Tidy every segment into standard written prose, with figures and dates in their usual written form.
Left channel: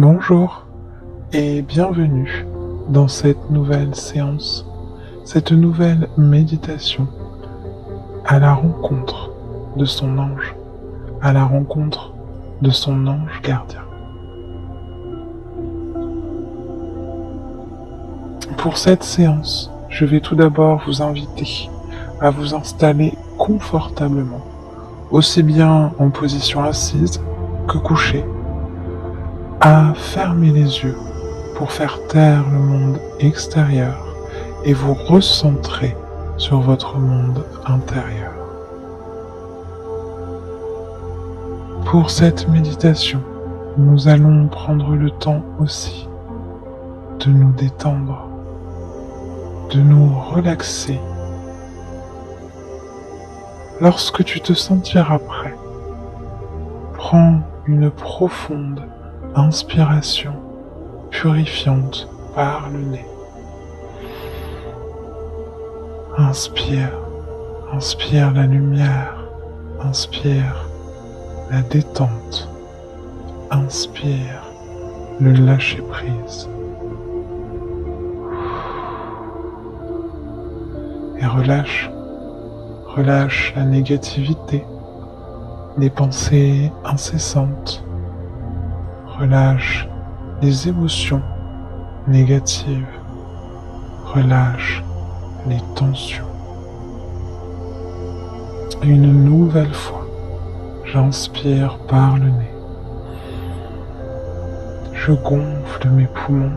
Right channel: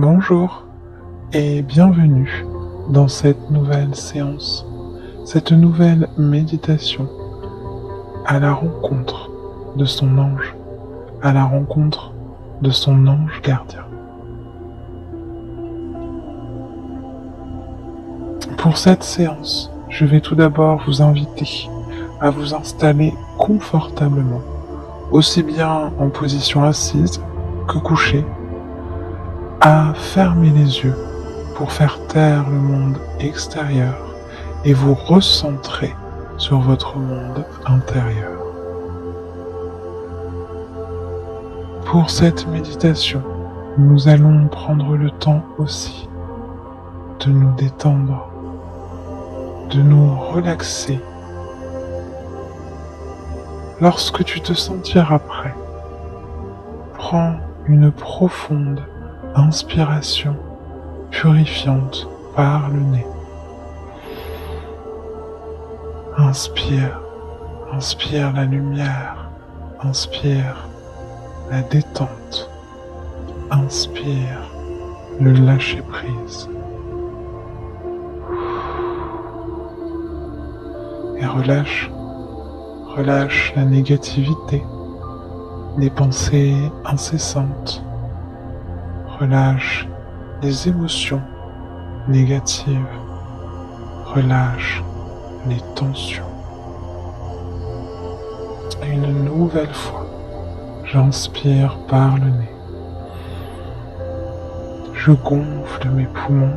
Bonjour et bienvenue dans cette nouvelle séance, cette nouvelle méditation à la rencontre de son ange, à la rencontre de son ange gardien. Pour cette séance, je vais tout d'abord vous inviter à vous installer confortablement, aussi bien en position assise que couchée, à fermer les yeux pour faire taire le monde extérieur et vous recentrer sur votre monde intérieur. Pour cette méditation, nous allons prendre le temps aussi de nous détendre, de nous relaxer. Lorsque tu te sentiras prêt, prends une profonde inspiration purifiante par le nez. Inspire, inspire la lumière, inspire la détente, inspire le lâcher-prise. Et relâche la négativité, les pensées incessantes. Relâche les émotions négatives. Relâche les tensions. Et une nouvelle fois, j'inspire par le nez. Je gonfle mes poumons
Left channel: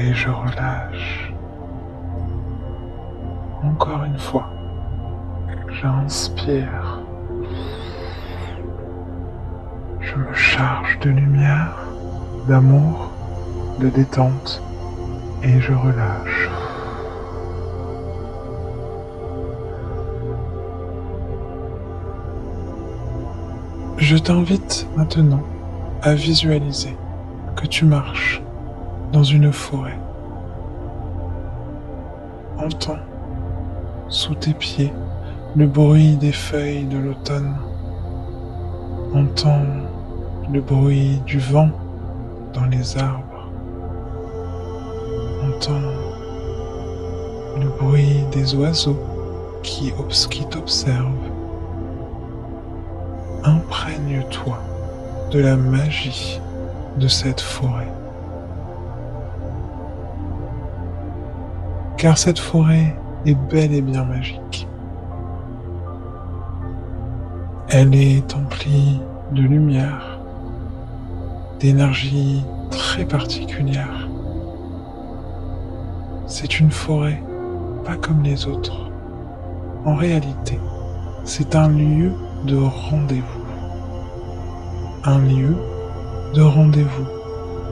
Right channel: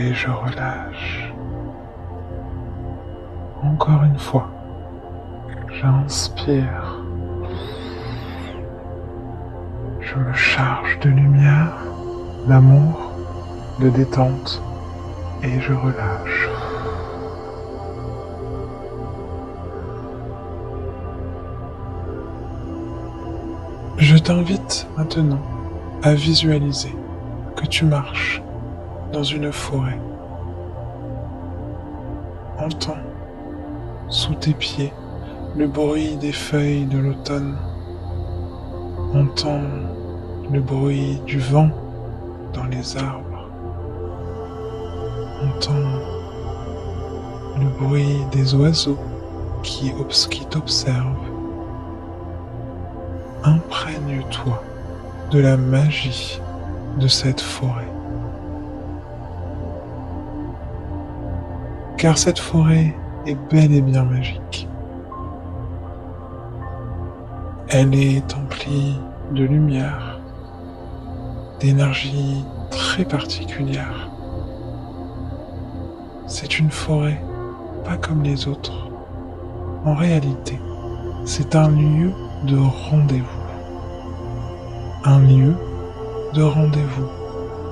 et je relâche. Encore une fois, j'inspire. Je me charge de lumière, d'amour, de détente et je relâche. Je t'invite maintenant à visualiser que tu marches dans une forêt. Entends sous tes pieds le bruit des feuilles de l'automne. Entends le bruit du vent dans les arbres. Entends le bruit des oiseaux qui t'observent. Imprègne-toi de la magie de cette forêt. Car cette forêt est bel et bien magique. Elle est emplie de lumière, d'énergie très particulière. C'est une forêt pas comme les autres. En réalité, c'est un lieu de rendez-vous. Un lieu de rendez-vous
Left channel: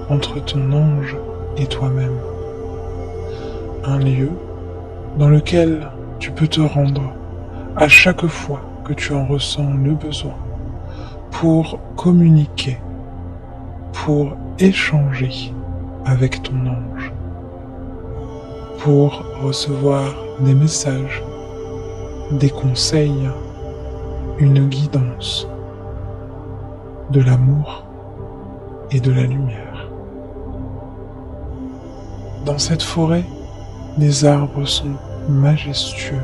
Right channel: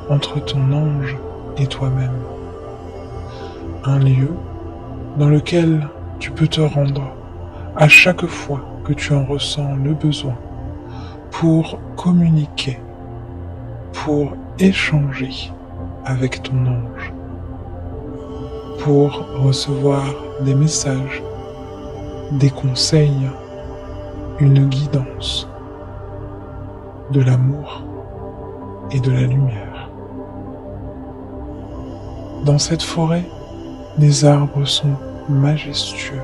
entre ton ange et toi-même. Un lieu dans lequel tu peux te rendre à chaque fois que tu en ressens le besoin pour communiquer, pour échanger avec ton ange, pour recevoir des messages, des conseils, une guidance, de l'amour et de la lumière. Dans cette forêt, les arbres sont majestueux.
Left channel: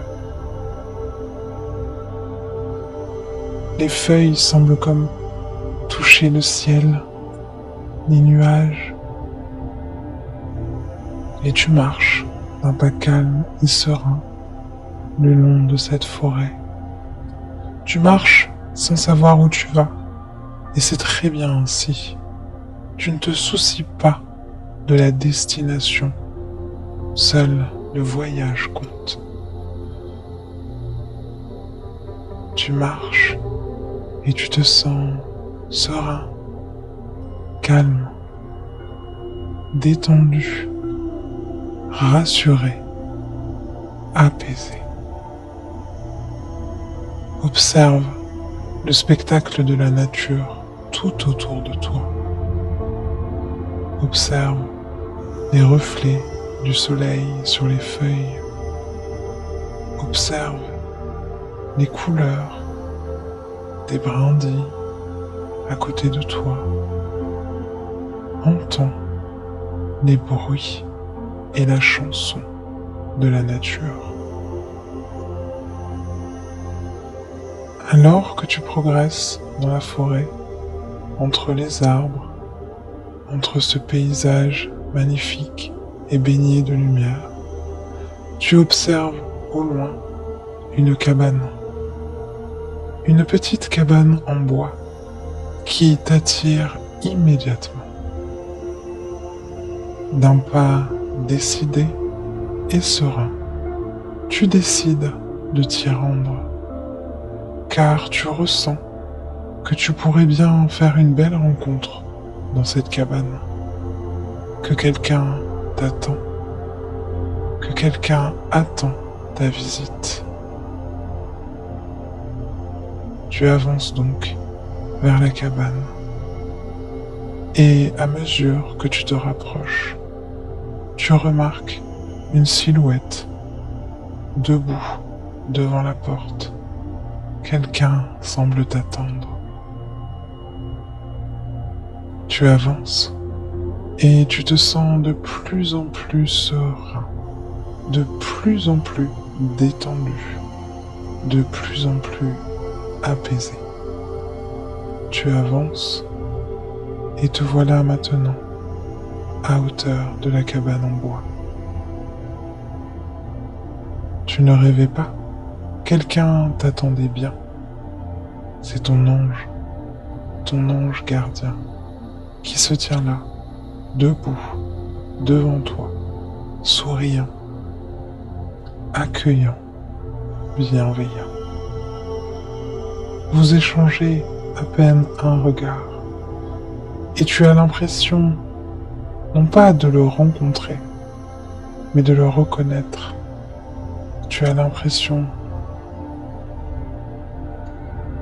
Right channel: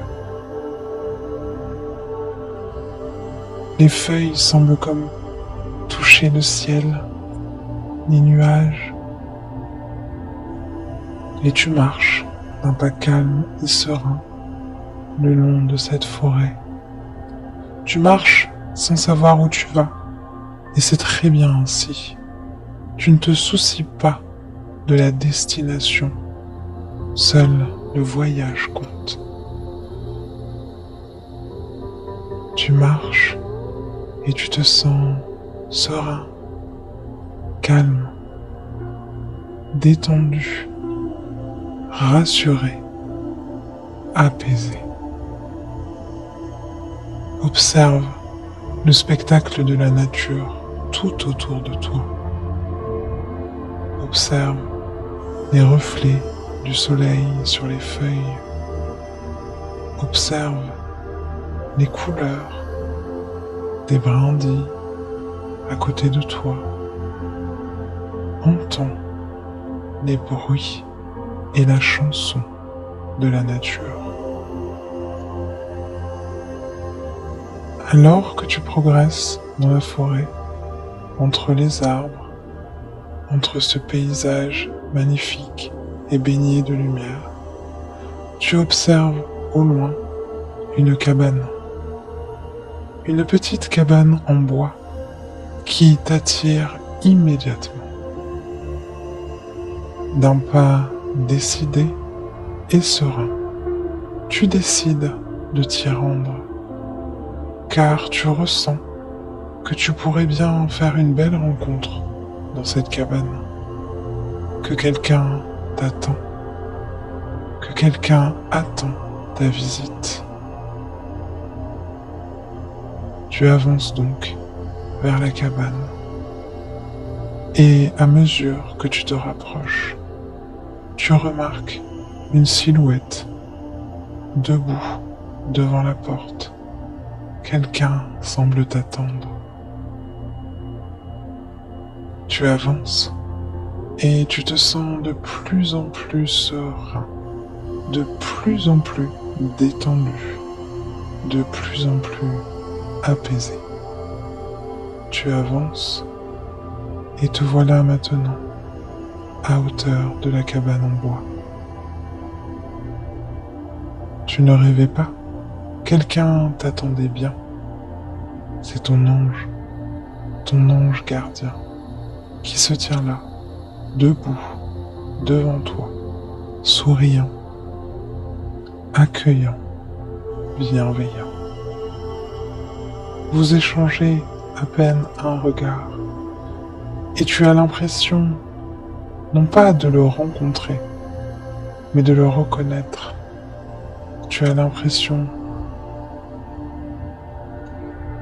Les feuilles semblent comme toucher le ciel, les nuages. Et tu marches d'un pas calme et serein le long de cette forêt. Tu marches sans savoir où tu vas. Et c'est très bien ainsi. Tu ne te soucies pas de la destination. Seul le voyage compte. Tu marches et tu te sens serein, calme, détendu, rassuré, apaisé. Observe le spectacle de la nature tout autour de toi. Observe les reflets du soleil sur les feuilles. Observe les couleurs des brindilles, à côté de toi, entend les bruits et la chanson de la nature. Alors que tu progresses dans la forêt, entre les arbres, entre ce paysage magnifique et baigné de lumière, tu observes au loin une cabane. Une petite cabane en bois qui t'attire immédiatement. D'un pas décidé et serein, tu décides de t'y rendre, car tu ressens que tu pourrais bien faire une belle rencontre dans cette cabane, que quelqu'un t'attend, que quelqu'un attend ta visite. Tu avances donc vers la cabane et à mesure que tu te rapproches, tu remarques une silhouette debout devant la porte. Quelqu'un semble t'attendre. Tu avances et tu te sens de plus en plus serein, de plus en plus détendu, de plus en plus apaisé. Tu avances et te voilà maintenant à hauteur de la cabane en bois. Tu ne rêvais pas, quelqu'un t'attendait bien. C'est ton ange gardien, qui se tient là, debout, devant toi, souriant, accueillant, bienveillant. Vous échangez à peine un regard, et tu as l'impression, non pas de le rencontrer, mais de le reconnaître. Tu as l'impression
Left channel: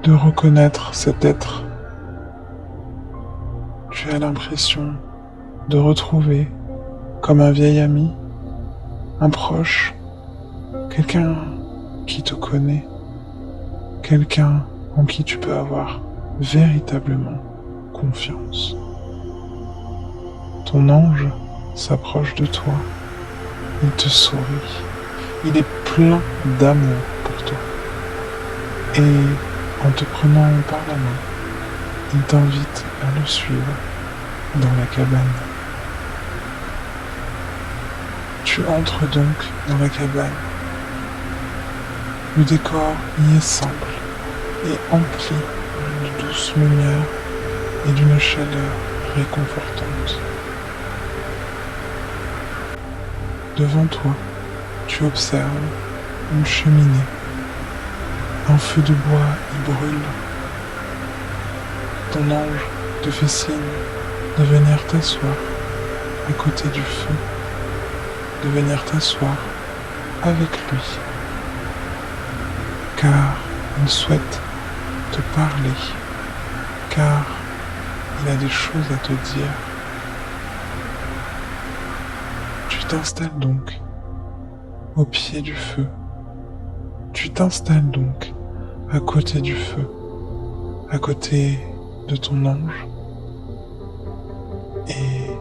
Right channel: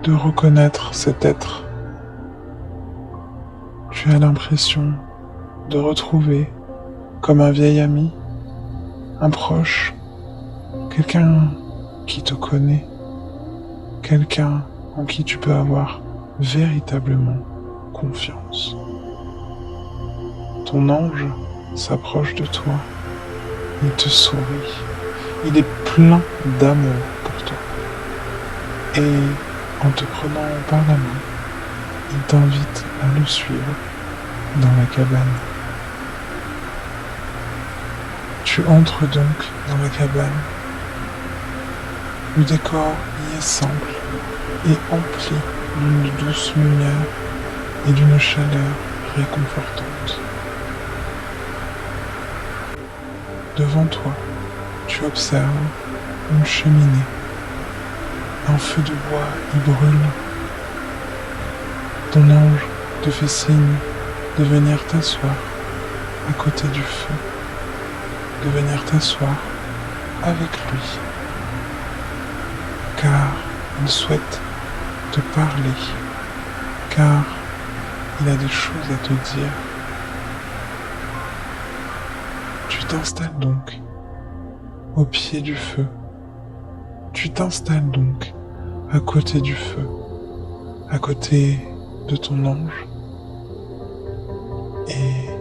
de reconnaître cet être. Tu as l'impression de retrouver, comme un vieil ami, un proche, quelqu'un qui te connaît, quelqu'un en qui tu peux avoir véritablement confiance. Ton ange s'approche de toi, il te sourit, il est plein d'amour pour toi. Et en te prenant par la main, il t'invite à le suivre dans la cabane. Tu entres donc dans la cabane. Le décor y est simple et empli d'une douce lumière et d'une chaleur réconfortante. Devant toi, tu observes une cheminée. Un feu de bois y brûle. Ton ange te fait signe de venir t'asseoir à côté du feu, de venir t'asseoir avec lui, car il souhaite te parler, car il a des choses à te dire. Tu t'installes donc au pied du feu. Tu t'installes donc à côté du feu, à côté de ton ange, et